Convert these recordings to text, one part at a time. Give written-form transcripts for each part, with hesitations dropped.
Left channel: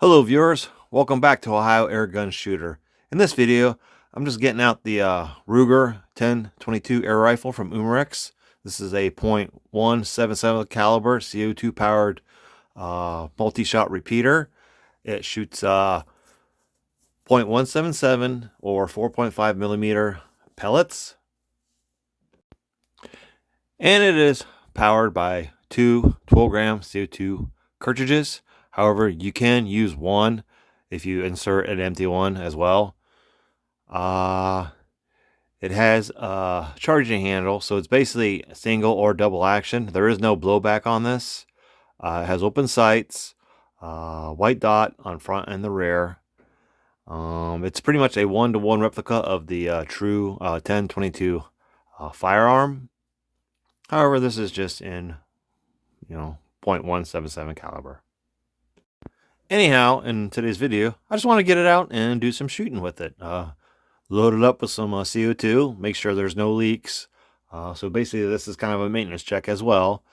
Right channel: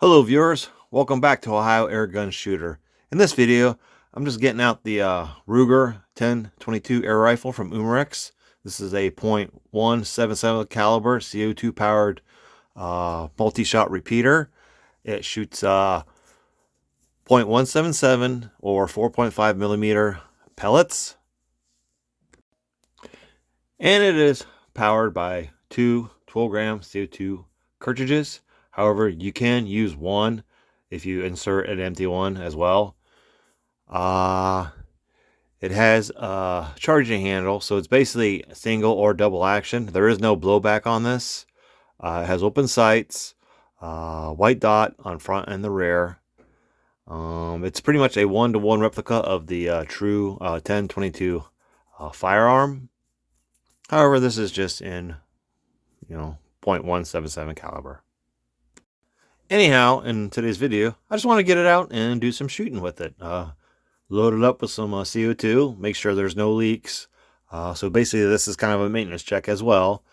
Hello viewers, welcome back to Ohio Airgun Shooter. In this video, I'm just getting out the Ruger 10-22 air rifle from Umarex. This is a .177 caliber CO2 powered multi-shot repeater. It shoots .177 or 4.5 millimeter pellets, and it is powered by two 12-gram CO2 cartridges. However, you can use one if you insert an empty one as well. It has a charging handle, so it's basically single or double action. There is no blowback on this. It has open sights, white dot on front and the rear. It's pretty much a one-to-one replica of the true 10-22 firearm. However, this is just in, .177 caliber. Anyhow, in today's video, I just want to get it out and do some shooting with it. Load it up with some CO2, make sure there's no leaks. So basically, this is kind of a maintenance check as well.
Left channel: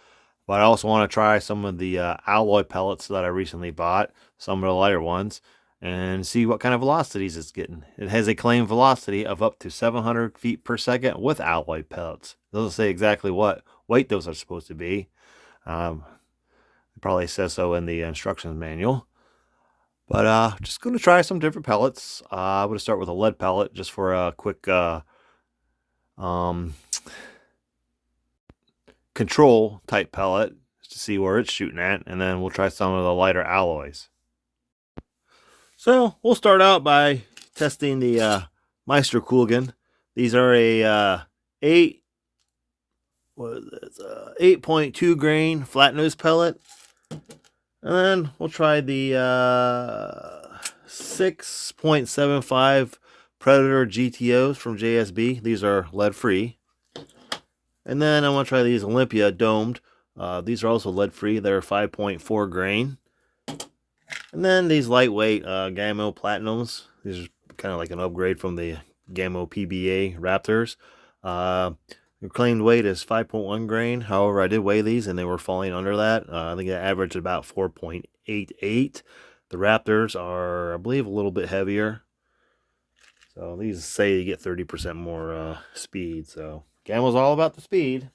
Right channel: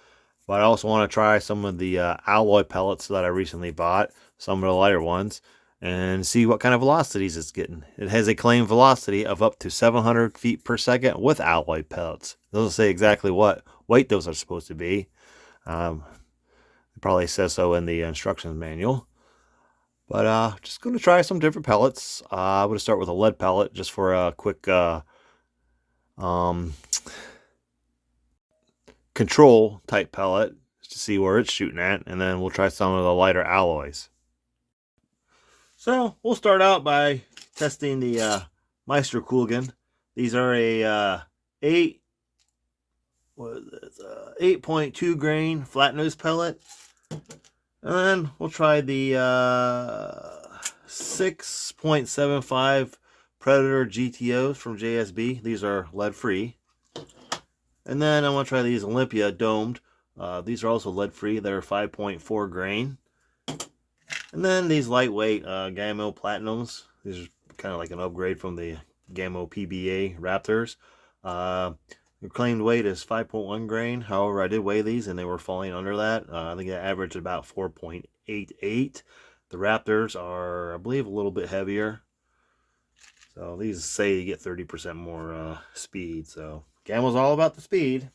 But I also want to try some of the alloy pellets that I recently bought, some of the lighter ones, and see what kind of velocities it's getting. It has a claimed velocity of up to 700 feet per second with alloy pellets. It doesn't say exactly what weight those are supposed to be. It probably says so in the instructions manual. But just going to try some different pellets. I'm going to start with a lead pellet just for a quick control type pellet to see where it's shooting at, and then we'll try some of the lighter alloys. So we'll start out by testing the Meister Coolgan. These are a 8.2 grain flat nose pellet. And then we'll try the 6.75 Predator GTOs from JSB. These are lead free. And then I want to try these Olympia domed. These are also lead free. They're 5.4 grain. And then these lightweight Gammo Platinums. These are kind of like an upgrade from the Gammo PBA Raptors. Their claimed weight is 5.1 grain. However, I did weigh these and they were falling under that. I think they averaged about 4.88. The Raptors are, I believe, a little bit heavier. So these say you get 30% more speed. So Gammo's all about the speed.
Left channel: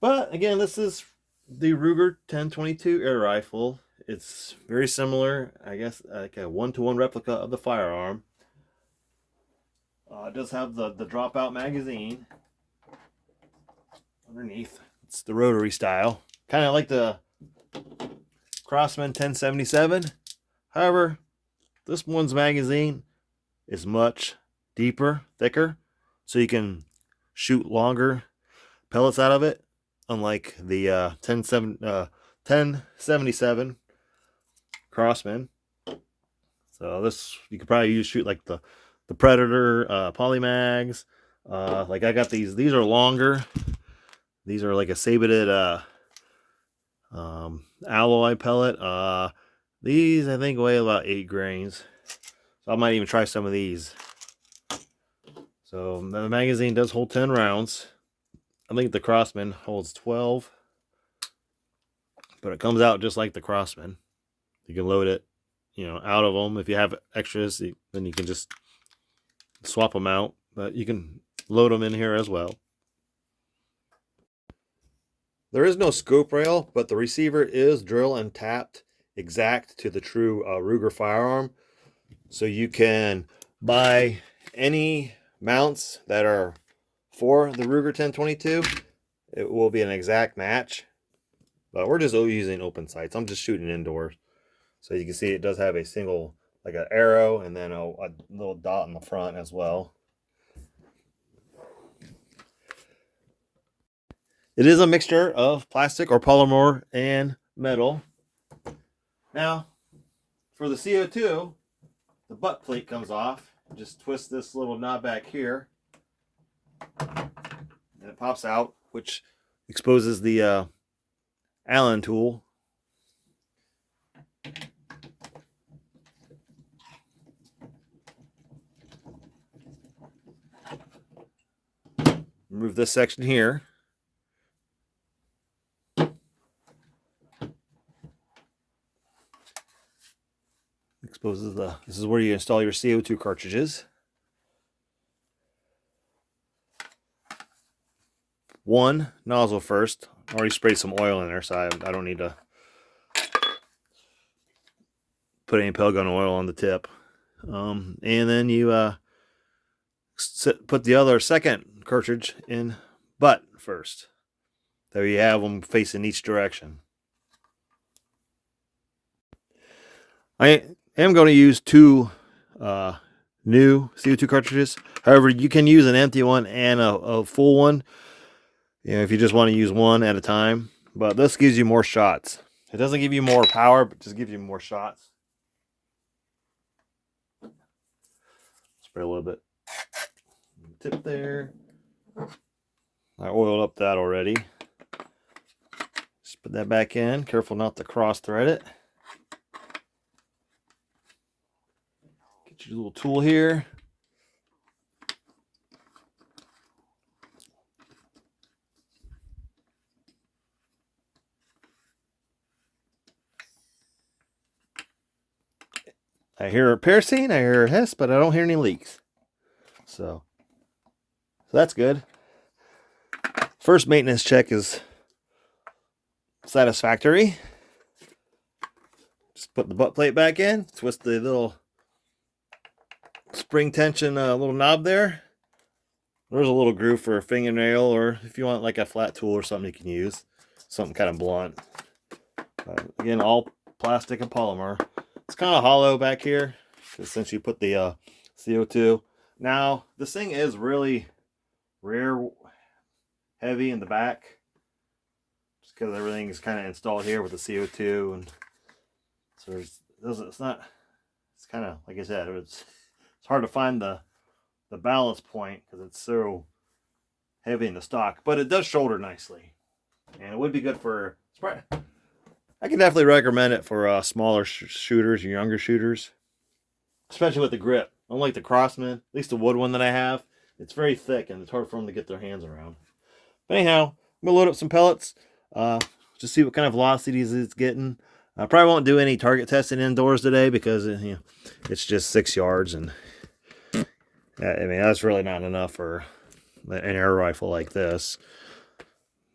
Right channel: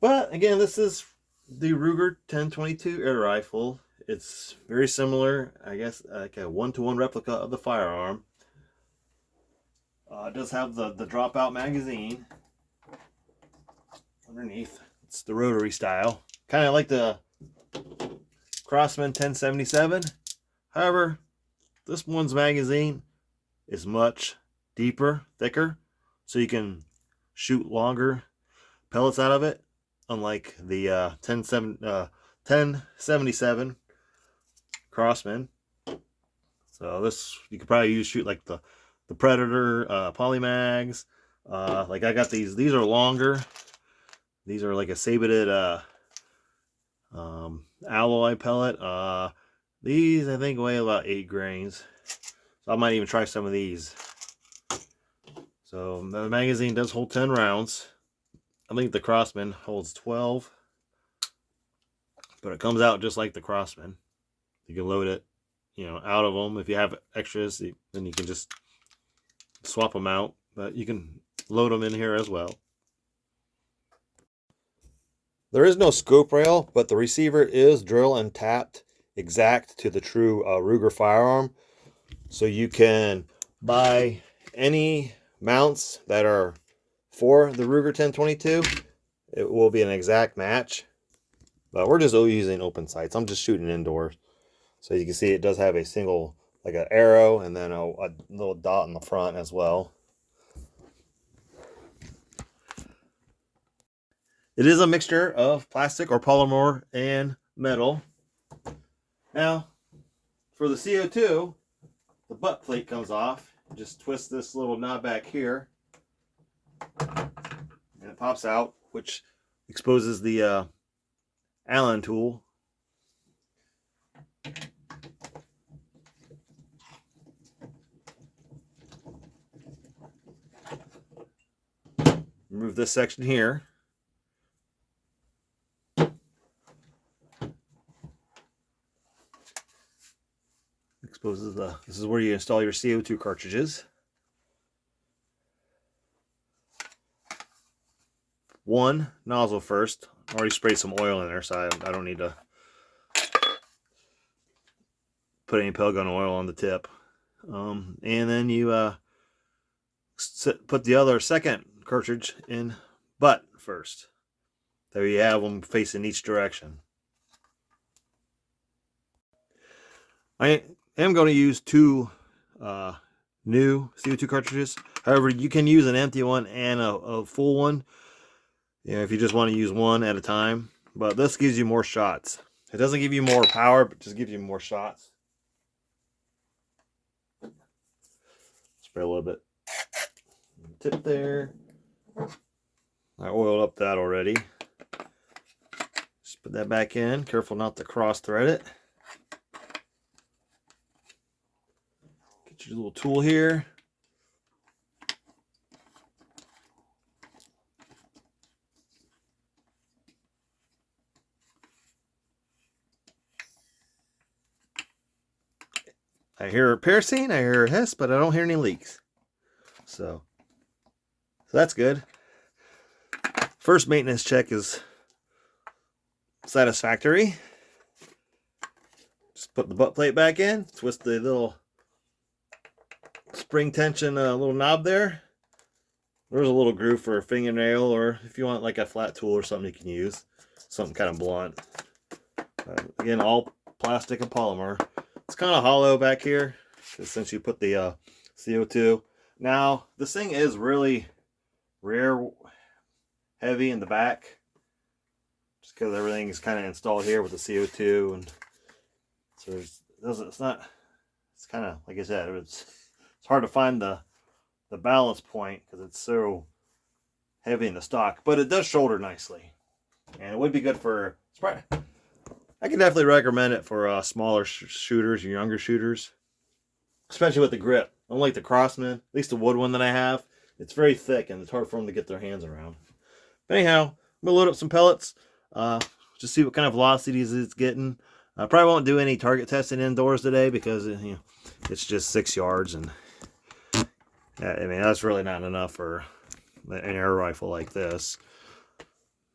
But again, this is the Ruger 10-22 air rifle. It's very similar, I guess, like a one-to-one replica of the firearm. It does have the dropout magazine underneath. It's the rotary style, kind of like the Crosman 1077. However, this one's magazine is much deeper, thicker, so you can shoot longer pellets out of it, unlike the 1077 Crosman. So this you could probably shoot like the Predator polymags. Like I got these are longer. These are like a sabeted alloy pellet. These I think weigh about 8 grains, so I might even try some of these. So the magazine does hold 10 rounds. I think the Crosman holds 12, but it comes out just like the Crosman. You can load it, out of them. If you have extras, then you can just swap them out, but you can load them in here as well. There is no scope rail, but the receiver is drill and tapped exact to the true Ruger firearm. So you can buy any mounts that are for the Ruger 10-22. It will be an exact match, but we're just using open sights. I'm just shooting indoors. So you can see it does have a single, like an arrow, and then a little dot in the front as well. It is a mixture of plastic or polymer and metal. Now, for the CO2, the butt plate comes off. Just twist this little knob back here, and it pops out, which exposes the Allen tool. Remove this section here. Exposes this is where you install your CO2 cartridges. One nozzle first. I already sprayed some oil in there, so I don't need to put any pellet gun oil on the tip. And then you put the other second cartridge in butt first. There you have them facing each direction. I am going to use two new CO2 cartridges. However, you can use an empty one and a full one, if you just want to use one at a time. But this gives you more shots. It doesn't give you more power, but just gives you more shots. Spray a little bit. Tip there. I oiled up that already. Just put that back in. Careful not to cross thread it. Get your little tool here. I hear a piercing, I hear a hiss, but I don't hear any leaks. So that's good. First maintenance check is satisfactory. Just put the butt plate back in, twist the little spring tension little knob there. There's a little groove for a fingernail, or if you want like a flat tool or something you can use. Something kind of blunt. Again, all plastic and polymer. It's kind of hollow back here since you put the CO2. Now, this thing is really rear heavy in the back, just because everything is kind of installed here with the CO2, and so it's kind of, like I said, it's hard to find the balance point because it's so heavy in the stock, but it does shoulder nicely, and it would be good for. I can definitely recommend it for smaller shooters or younger shooters, especially with the grip. Unlike the Crossman, at least the wood one that I have, it's very thick and it's hard for them to get their hands around. But anyhow, I'm gonna load up some pellets, just see what kind of velocities it's getting. I probably won't do any target testing indoors today because it's just 6 yards, and I mean that's really not enough for an air rifle like this.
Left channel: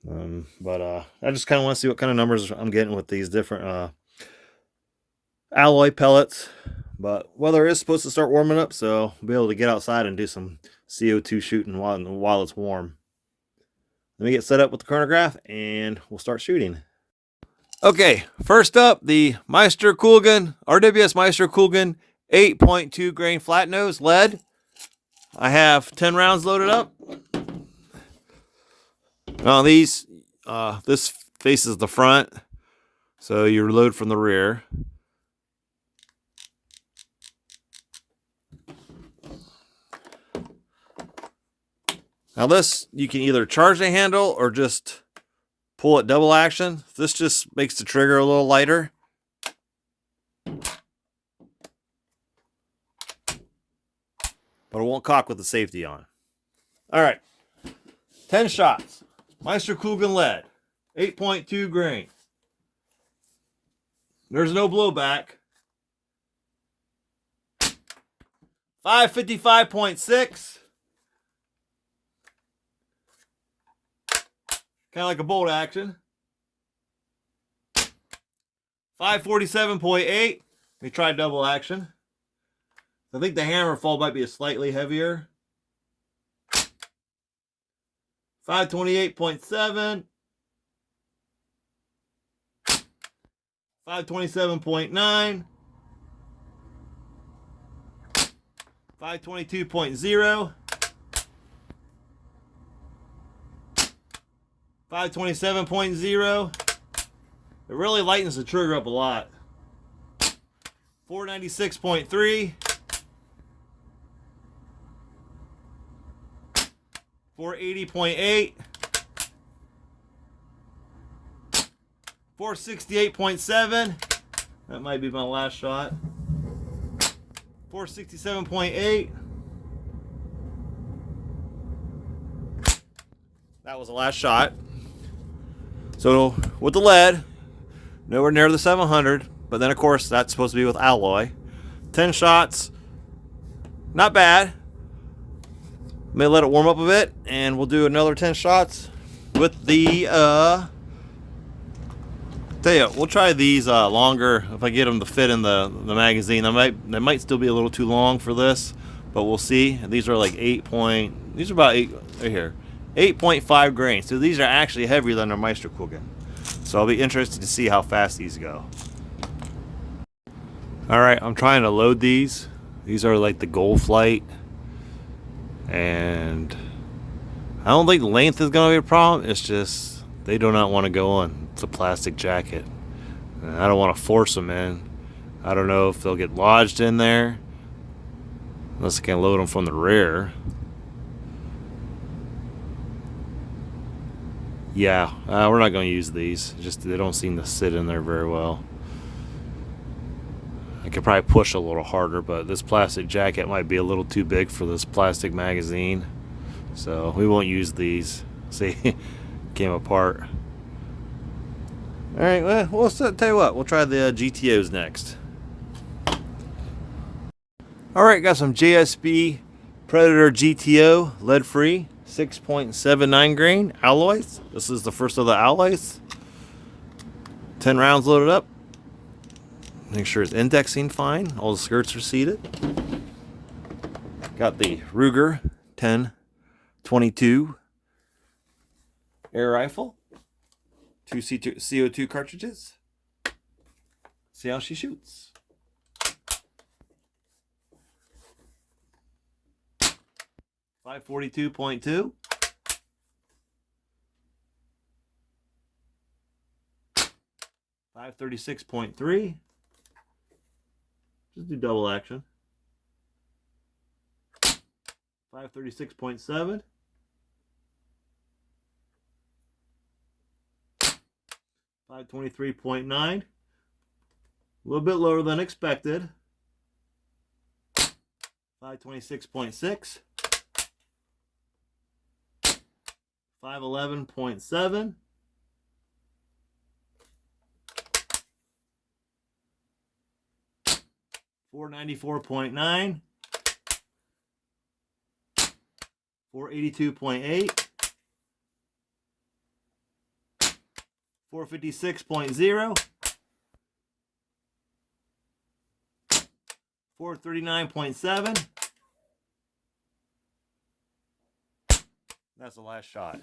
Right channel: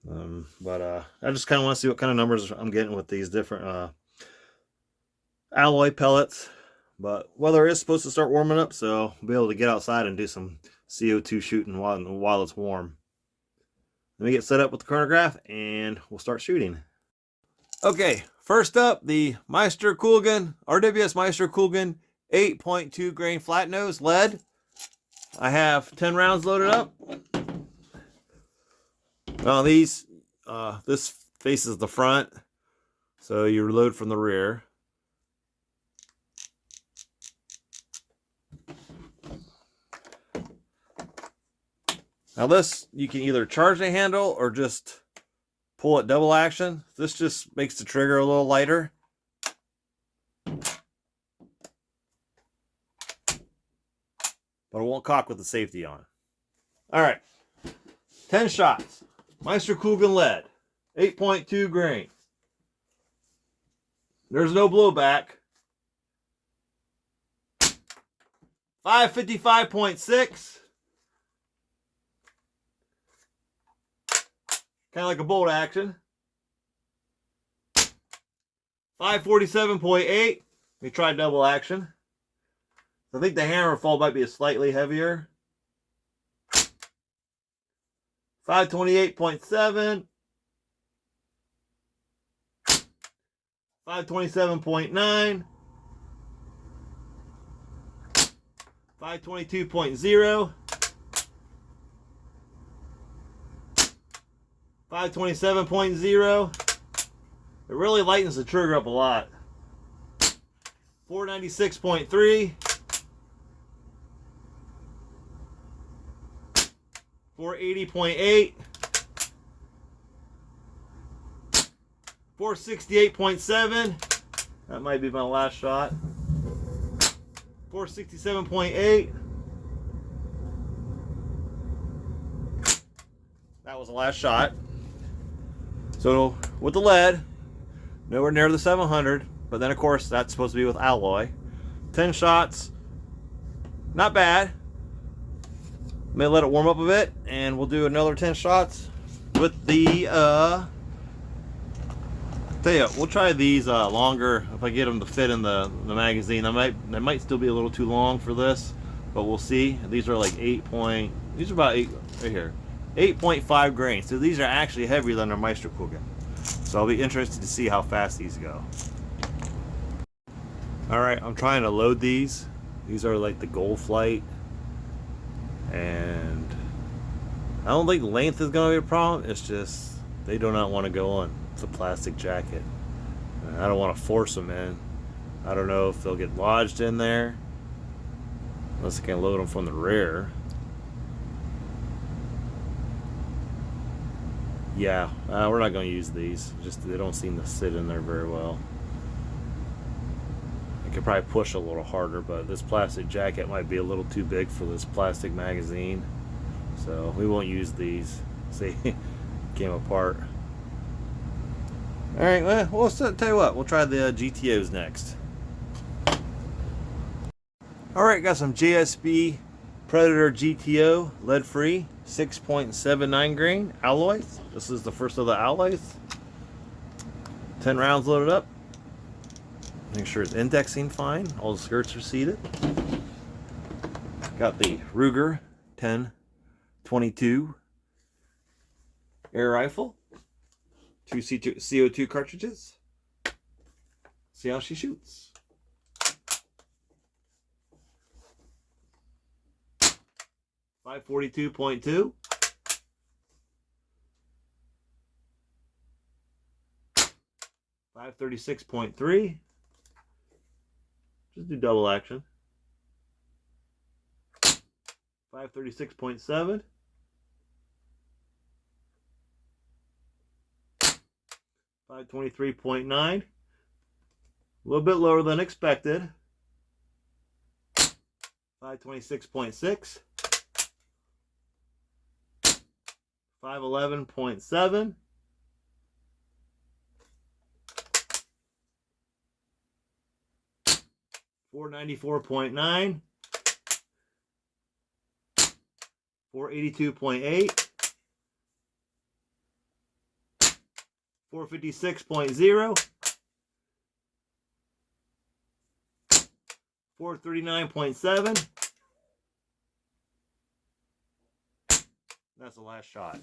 But I just kind of want to see what kind of numbers I'm getting with these different alloy pellets. But weather is supposed to start warming up, so I'll be able to get outside and do some CO2 shooting while it's warm. Let me get set up with the chronograph and we'll start shooting. Okay, first up, the Meister Coolgun, RWS Meister Coolgun 8.2 grain flat nose lead. I have 10 rounds loaded up. Now this faces the front, so you reload from the rear. Now this, you can either charge the handle or just pull it double action. This just makes the trigger a little lighter. But it won't cock with the safety on. All right, 10 shots. Meister Coolgun lead, 8.2 grain. There's no blowback. 555.6. Kind of like a bolt action. 547.8. Let me try double action. I think the hammer fall might be slightly heavier. 528.7. 527.9. 522.0. 527.0. It really lightens the trigger up a lot. 496.3. 480.8. 468.7. That might be my last shot. 467.8. That was the last shot. So with the lead, nowhere near the 700, but then of course that's supposed to be with alloy. 10 shots. Not bad. May let it warm up a bit, and we'll do another 10 shots with the tell you, we'll try these longer if I get them to fit in the magazine. They might still be a little too long for this, but we'll see. These are like these are about 8 right here, 8.5 grains. So these are actually heavier than their Meisterkugeln. So I'll be interested to see how fast these go. All right, I'm trying to load these. These are like the Gold Flight, and I don't think length is going to be a problem. It's just they do not want to go on. It's a plastic jacket, and I don't want to force them in. I don't know if they'll get lodged in there unless I can load them from the rear. Yeah, we're not going to use these. Just they don't seem to sit in there very well. I could probably push a little harder, but this plastic jacket might be a little too big for this plastic magazine, so we won't use these. See, came apart. All right, well, tell you what, we'll try the GTOs next. All right, got some JSB Predator GTO lead-free 6.79 grain alloys. This is the first of the alloys. 10 rounds loaded up. Make sure it's indexing fine. All the skirts are seated. Got the Ruger 10-22 air rifle. 2 CO2 cartridges. See how she shoots. .542.2. 536.3. Just do double action. 536.7. 523.9. A little bit lower than expected. 526.6. 511.7. 494.9. 482.8. 456.0. 439.7. That's the last shot.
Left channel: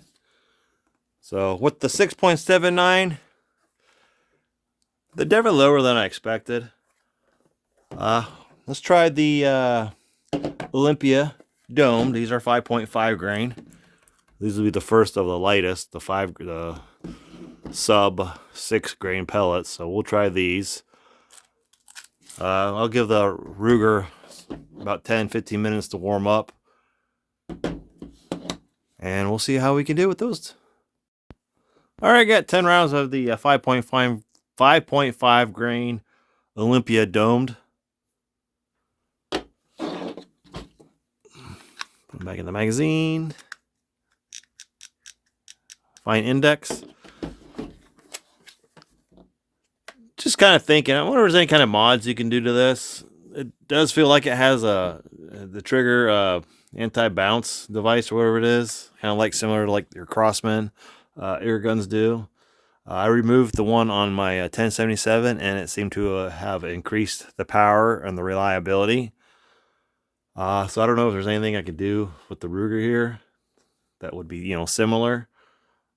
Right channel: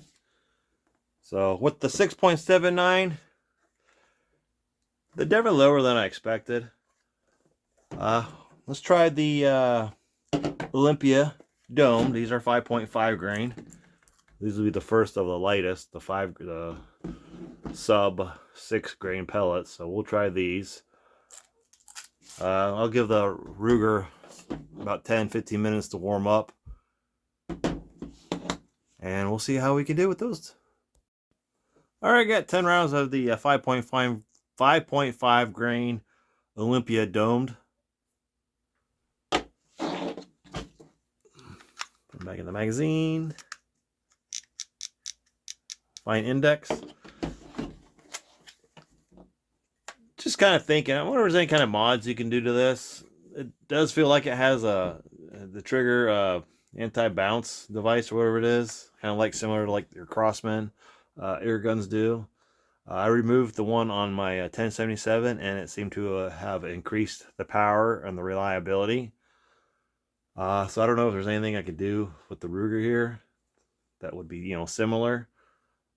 So with the 6.79, they're definitely lower than I expected. Let's try the Olympia Dome. These are 5.5 grain. These will be the first of the lightest, the sub 6 grain pellets. So we'll try these. I'll give the Ruger about 10-15 minutes to warm up, and we'll see how we can do with those. All right, I got 10 rounds of the 5.5 grain Olympia domed. Put them back in the magazine. Fine index. Just kind of thinking, I wonder if there's any kind of mods you can do to this. It does feel like it has the trigger anti-bounce device or whatever it is, kind of like similar to like your Crossman air guns do. I removed the one on my 1077, and it seemed to have increased the power and the reliability. So I don't know if there's anything I could do with the Ruger here that would be, similar.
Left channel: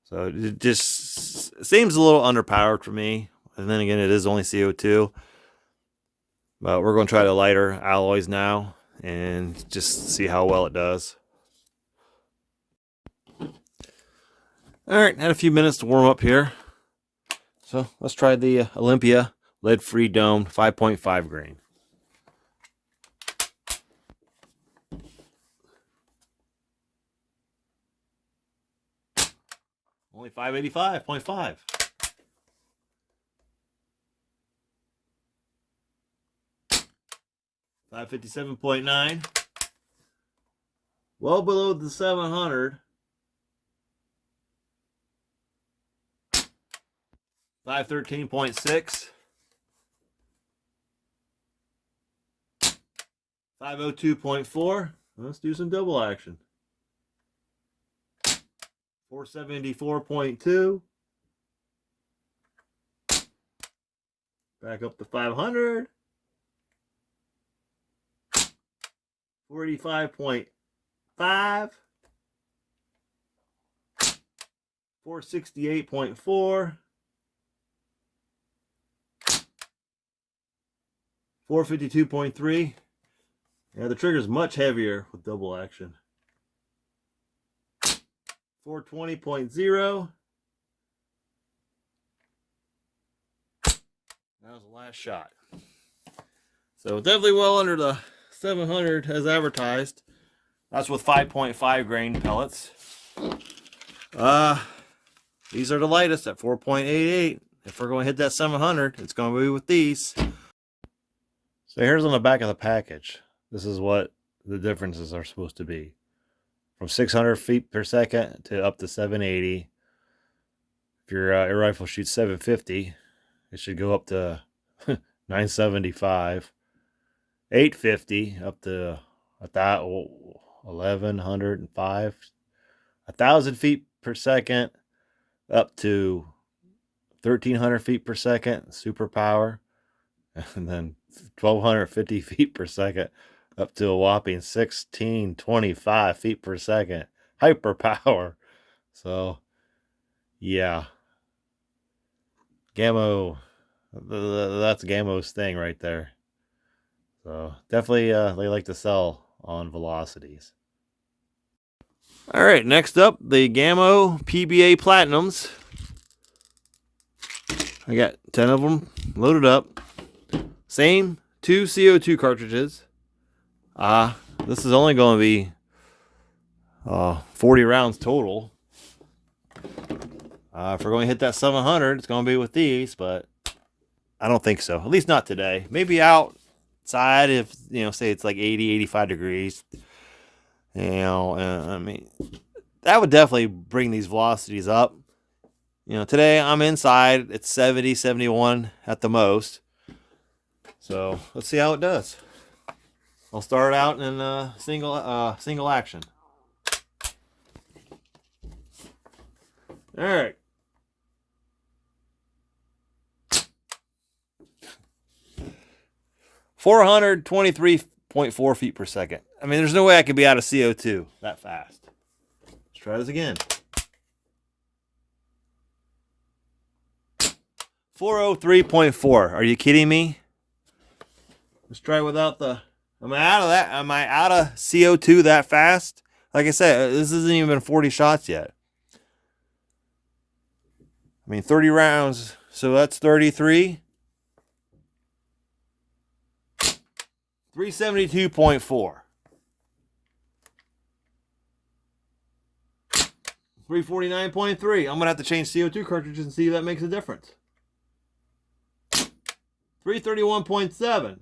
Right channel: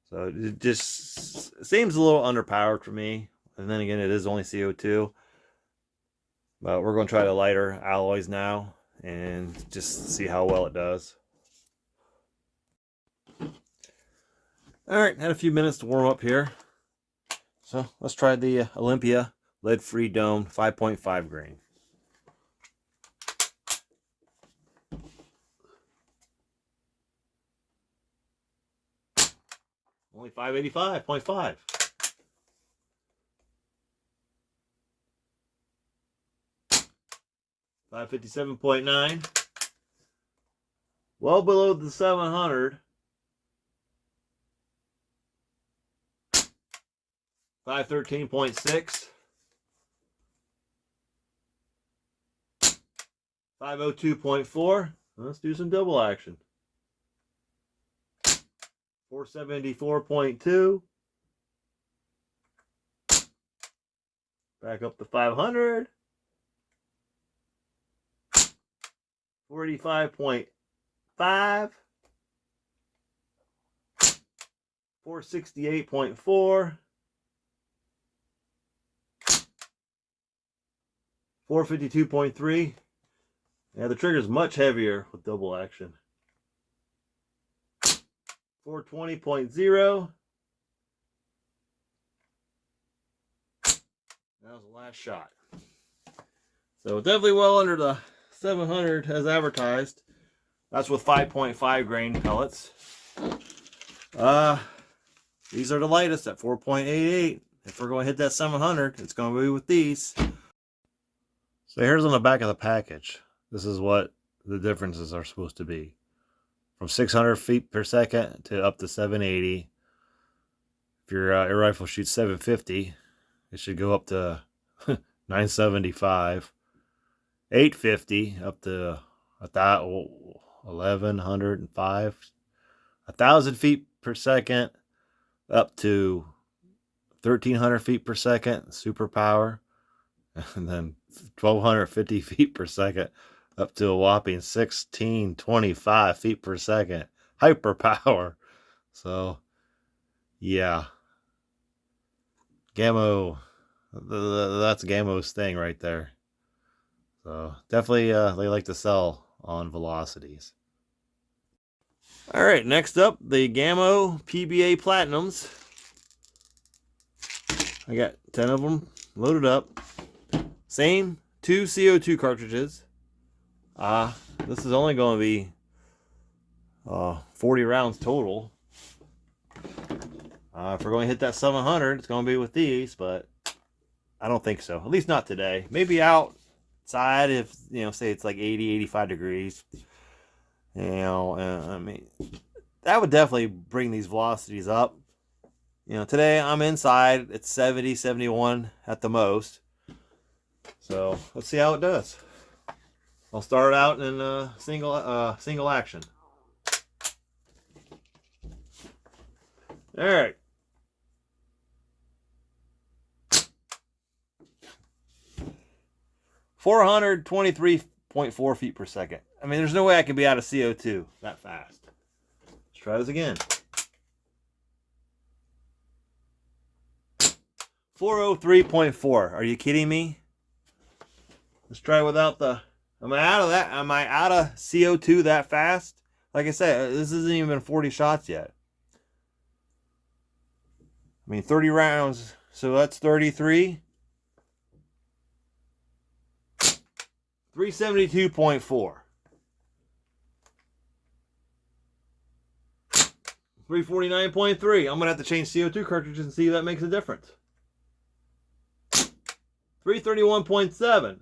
So it just seems a little underpowered for me. And then again, it is only CO2. But we're going to try the lighter alloys now and just see how well it does. All right, had a few minutes to warm up here. So let's try the Olympia lead-free dome 5.5 grain. Only 585.5. 557.9. Well below the 700. 513.6. 502.4. Let's do some double action. 474.2. Back up to 500. 485.5. 468.4. 452.3. Yeah, the trigger's much heavier with double action. 420.0. That was the last shot. So definitely well under the 700 as advertised. That's with 5.5 grain pellets. These are the lightest at 4.88. If we're going to hit that 700, it's going to be with these. So here's on the back of the package. This is what the differences are supposed to be. From 600 feet per second to up to 780. If your air rifle shoots 750, it should go up to 975. 850 up to 1105. 1,000 feet per second up to 1,300 feet per second, super power. And then 1,250 feet per second up to a whopping 1,625 feet per second, hyper power. So, yeah. Gammo, that's Gammo's thing right there. So, definitely they like to sell on velocities. All right, next up, the Gammo PBA Platinums. I got 10 of them loaded up. Same 2 CO2 cartridges. This is only going to be 40 rounds total. If we're going to hit that 700, it's going to be with these, but I don't think so. At least not today. Maybe outside if, say it's like 80, 85 degrees. I mean, that would definitely bring these velocities up. Today I'm inside. It's 70, 71 at the most. So let's see how it does. I'll start out in single action. All right. .4 feet per second. I mean, there's no way I could be out of CO2 that fast. Let's try this again. 403.4. Are you kidding me? Let's try without the... Am I out of that? Am I out of CO2 that fast? Like I said, this hasn't even been 40 shots yet. I mean, 30 rounds. So that's 33. 372.4. 349.3. I'm going to have to change CO2 cartridges and see if that makes a difference. 331.7.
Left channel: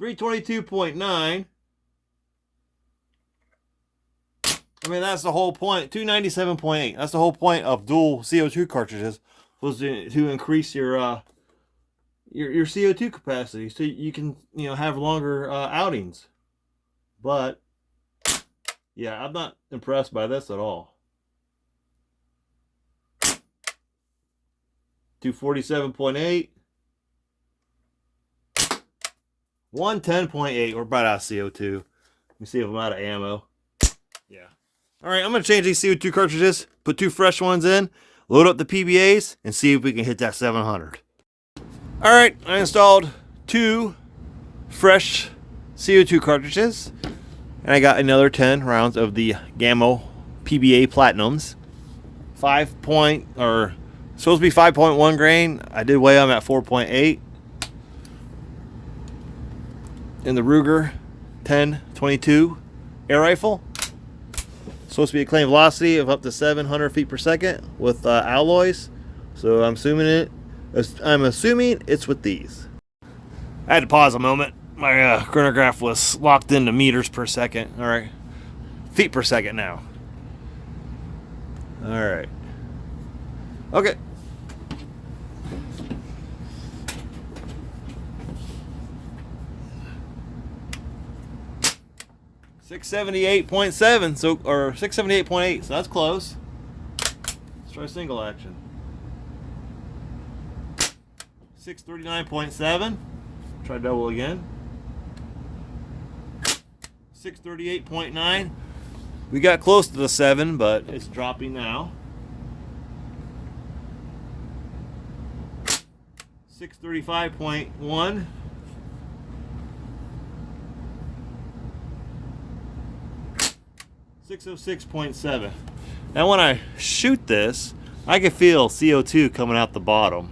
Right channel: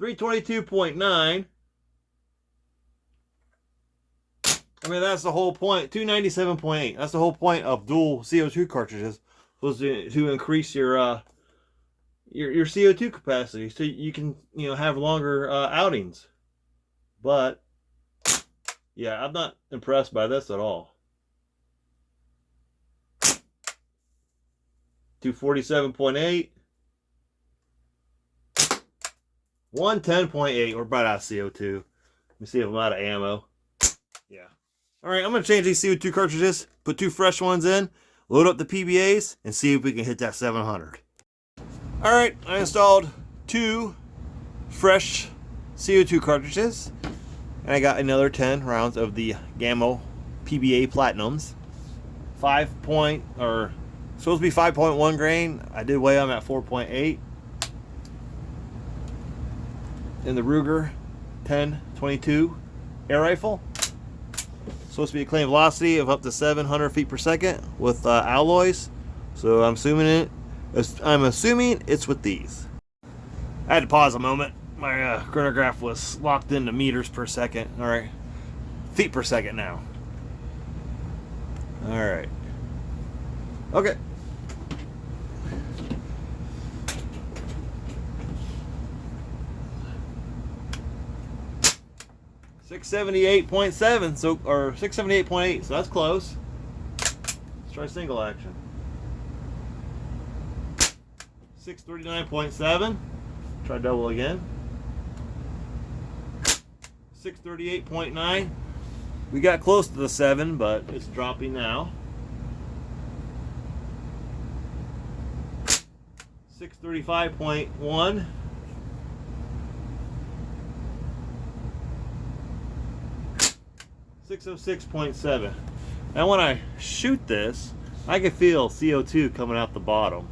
322.9. I mean, that's the whole point. 297.8. That's the whole point of dual CO2 cartridges, was to increase your CO2 capacity, so you can have longer outings. But yeah, I'm not impressed by this at all. 247.8. 110.8. We're about out of CO2. Let me see if I'm out of ammo. Yeah. All right, I'm going to change these CO2 cartridges, put 2 fresh ones in, load up the PBAs, and see if we can hit that 700. All right, I installed 2 fresh CO2 cartridges, and I got another 10 rounds of the Gammo PBA Platinums. Supposed to be 5.1 grain. I did weigh them at 4.8. In the Ruger 10-22 air rifle. Supposed to be a claimed velocity of up to 700 feet per second with alloys. So I'm assuming it's with these. I had to pause a moment. My chronograph was locked into meters per second. All right, feet per second now. All right. Okay. 678.7, so, or 678.8, so that's close. Let's try single action. 639.7. Try double again. 638.9. We got close to the 7, but it's dropping now. 635.1. 606.7. Now when I shoot this, I can feel CO2 coming out the bottom.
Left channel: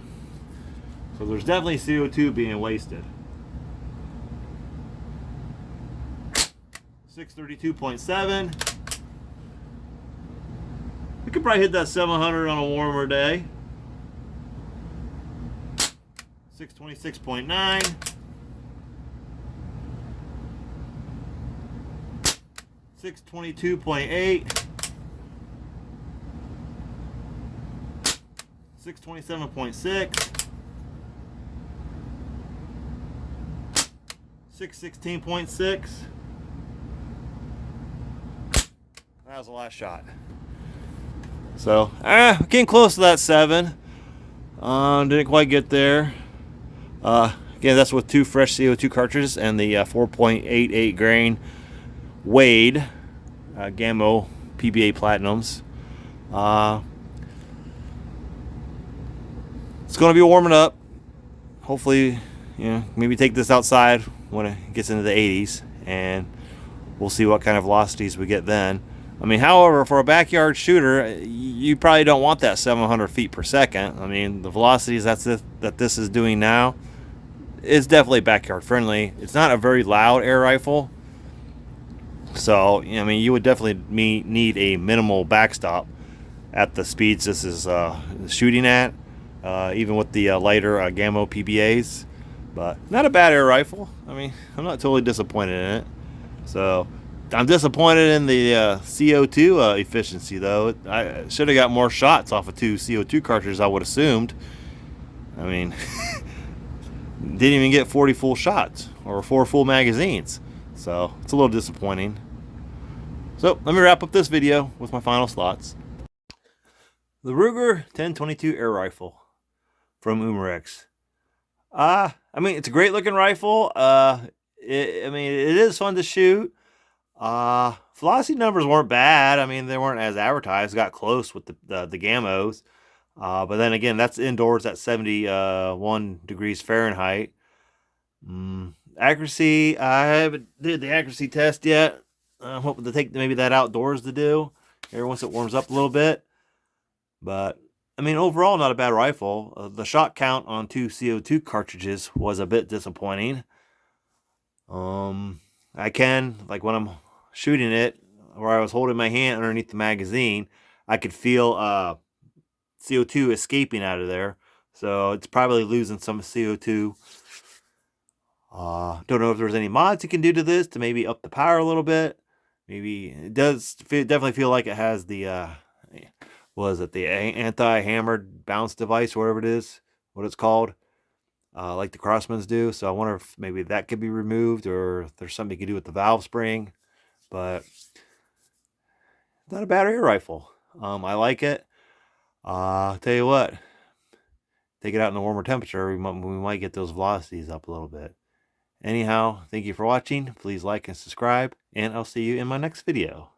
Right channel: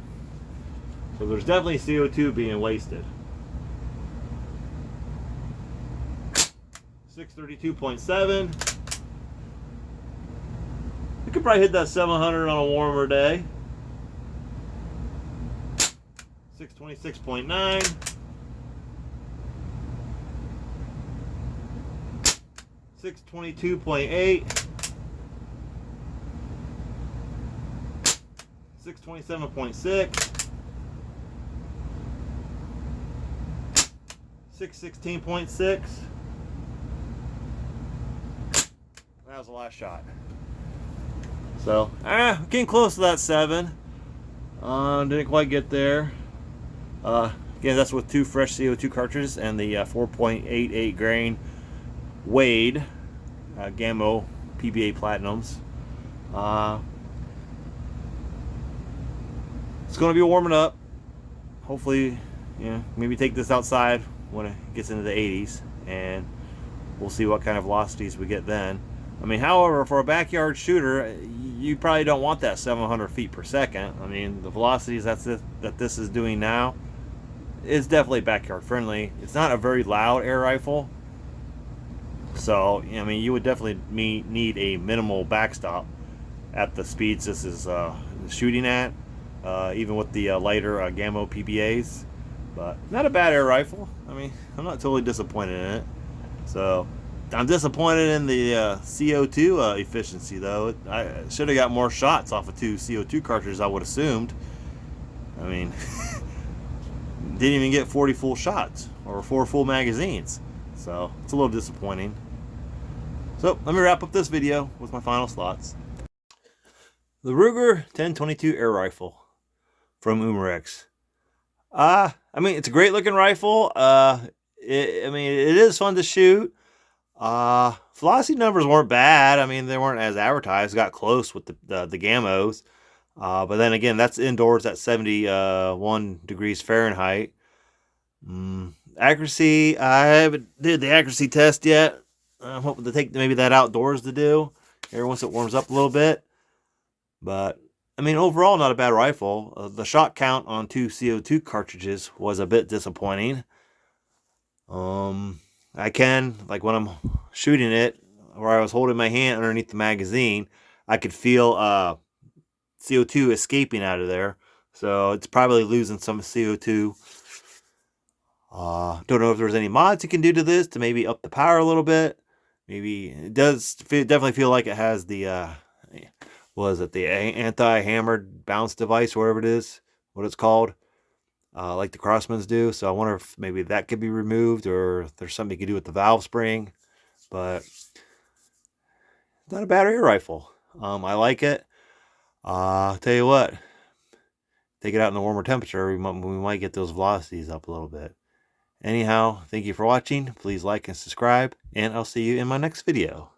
So there's definitely CO2 being wasted. 632.7. You could probably hit that 700 on a warmer day. 626.9. 622.8. 627.6. 616.6. That was the last shot. So, getting close to that 7. Didn't quite get there. Again, that's with 2 fresh CO2 cartridges and the 4.88 grain Wade Gammo PBA Platinums. It's going to be warming up. Hopefully, maybe take this outside when it gets into the 80s, and we'll see what kind of velocities we get then. I mean, however, for a backyard shooter, you probably don't want that 700 feet per second. I mean, the velocities that this is doing now is definitely backyard friendly. It's not a very loud air rifle, so I mean, you would definitely need a minimal backstop at the speeds this is shooting at, even with the lighter Gammo PBAs. But not a bad air rifle. I mean, I'm not totally disappointed in it. So I'm disappointed in the CO2 efficiency, though. I should have got more shots off of 2 CO2 cartridges, I would have assumed. I mean, didn't even get 40 full shots or 4 full magazines. So it's a little disappointing. So let me wrap up this video with my final thoughts. The Ruger 1022 air rifle from Umarex. I mean, it's a great looking rifle. I mean, it is fun to shoot. Velocity numbers weren't bad. I mean, they weren't as advertised. Got close with the Gammos. But then again, that's indoors at 71 degrees Fahrenheit. Accuracy, I haven't did the accuracy test yet. I'm hoping to take maybe that outdoors to do here once it warms up a little bit. But I mean, overall, not a bad rifle. The shot count on 2 CO2 cartridges was a bit disappointing. I can, like when I'm shooting it, where I was holding my hand underneath the magazine, I could feel CO2 escaping out of there. So it's probably losing some CO2. Don't know if there's any mods you can do to this to maybe up the power a little bit. Maybe it does definitely feel like it has the was it the anti-hammered bounce device, whatever it is, what it's called, like the Crossmans do. So I wonder if maybe that could be removed, or if there's something you can do with the valve spring. But it's not a bad air rifle. I like it. Tell you what, take it out in a warmer temperature, we might get those velocities up a little bit. Anyhow, thank you for watching. Please like and subscribe, and I'll see you in my next video.